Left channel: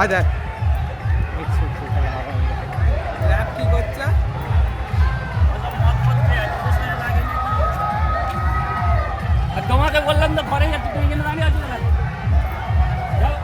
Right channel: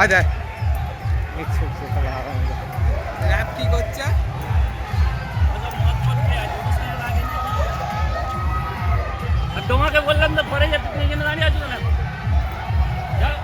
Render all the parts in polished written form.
আয় র্যাপ কি করছে? তোমাকে বললাম না পরে যাতে তুমি এখানে দাঁড়িয়ে আছো না। যাও।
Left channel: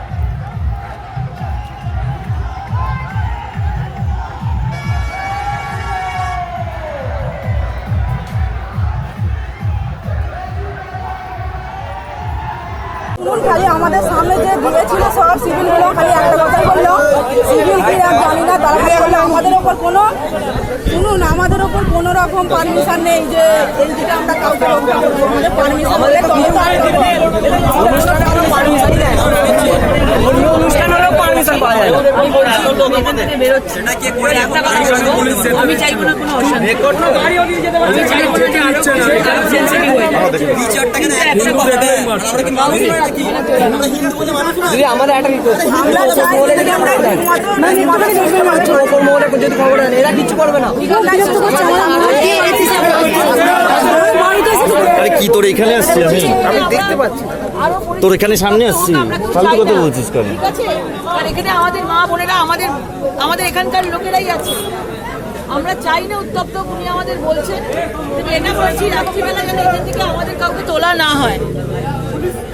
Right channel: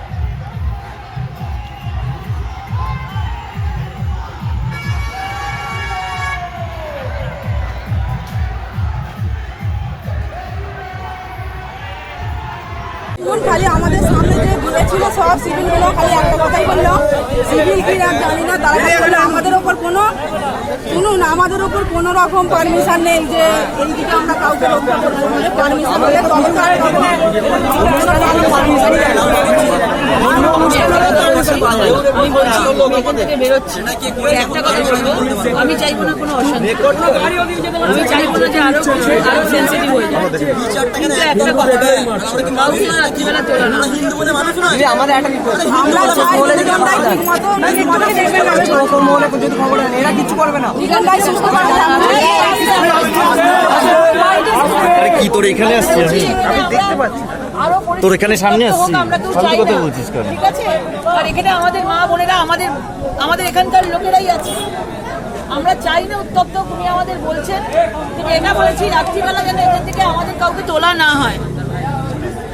খালি আমাদের সামনে যে দিয়েছিল সব সিভিলগুলো খালি একটা কথাই বললো, সিভিল কি আর জানি না, তারা বললো আমাদের ওপর কোনো শুনুন, আমাদের ওপর কোনো রকম পারমিশন নেই যে এই দিকে আমরা কাউকে রক্ষা করবো। আমাদের পারমিশন হলে তবে তো আমি চাইবো না কোনো অশান্তি, আমি চাইবো না যে আরো সেন্সিটিভ হয়ে যায়। আমাদের একটা আমরা চাই যে আমরা যদি খবর আনে এরা কিছু করবে না। আরে কি তোর এখানে আসছি আমি দেখতে পাচ্ছি তোর এখানে সামনে আসছি শান্তি কথা বলছিস কেন? ঠিক আছে, আর এখানে আমাদের মা বোনেরা আমাদের এখানকার লোকেরাই আছে। আমরা চাই না উত্তপ্ত, উনি আমাদের বলছেন। এটা বলেছি রাত্রিবেলা যেন এখান থেকে আমাদের কাউকে তোলা না হয়,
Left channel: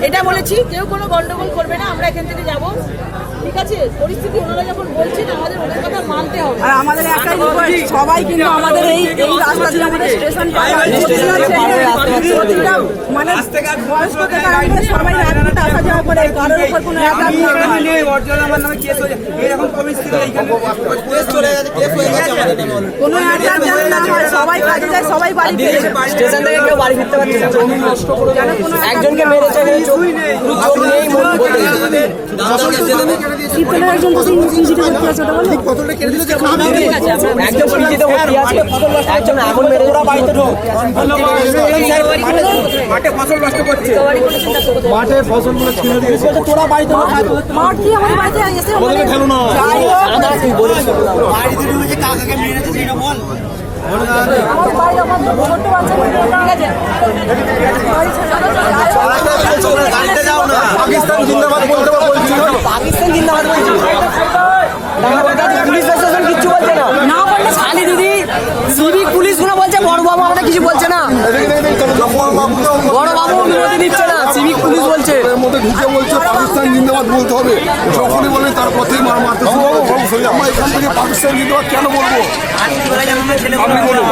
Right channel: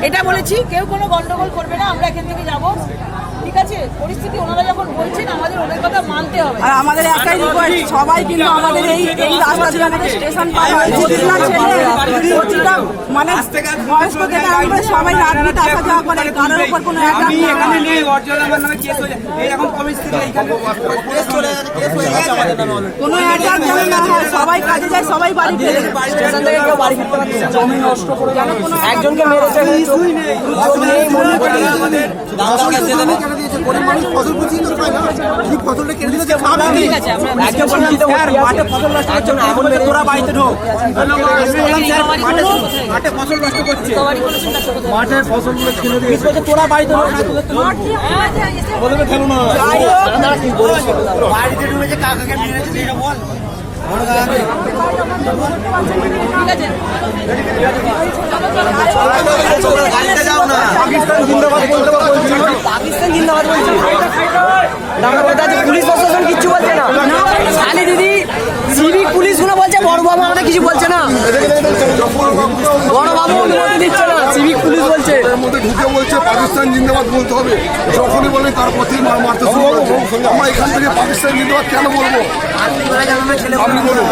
এটা বলেছি। কেউ কোনো গন্ডগোল করবে না, আমরা এখান থেকে যাব। ঠিক আছে, পরিস্থিতি ওনারা যখন বলছেন আমাদের ওনার কথা মানতে হবে। আর আমাদের একটাই রিকোয়েস্ট, সবাই কিন্তু আমাদের এই রাস্তা দিয়ে আমাদের স্টেশন পার হয়, প্রতিটা ছেলে প্রতিটা মানে বয়স্ক থেকে আরম্ভ করে সবাই রাজনীতি আসা যাওয়া করে, কারোর উপর কোনো অ্যাটাক নেই। কোনো অ্যাটাক যেন না হয়, সবাই কাজে যায়, সবাই বাড়ি ফেরে। স্টেশন থেকে কেউ বাড়ি ফিরতে পারবে না। জমি নষ্ট করে একজনকে মেরেছে, জমি নেই, ঠিক আছে, আমরা একজন শিক্ষিত ব্যক্তি আছে, ফসল নষ্ট করছে না, এখন মেরে ওরা বাড়িতে ঢোক। মাঠে ফসল নষ্ট করছে, মাঠে ফসল তোরা বাড়িতে ঢোক, বলবে ফেলো না, বাড়িতে ঢুকে কাকাকে মেরেছে সেটা বল। ঠিক আছে, পাকিস্তান জিন্দাবাদ বলছে, পুলিশ প্রশাসন কিচ্ছু বলছে না। শালি দিদি সিভিক পুলিশ গুলো বলছে বড় বাবু আমাদের কিছু বলছে না, বড় বাবু অনুমতি দিচ্ছে না, সিভিক পুলিশ বলছে এর মধ্যে ঢুকে বলছে পাকিস্তান জিন্দাবাদ বলতে হবে। যখনই বলে তার পথেই মারতে শুরু করবো। আমরা এখান থেকে পাকিস্তান জিন্দাবাদ কেন বলবো? আপনি বলুন।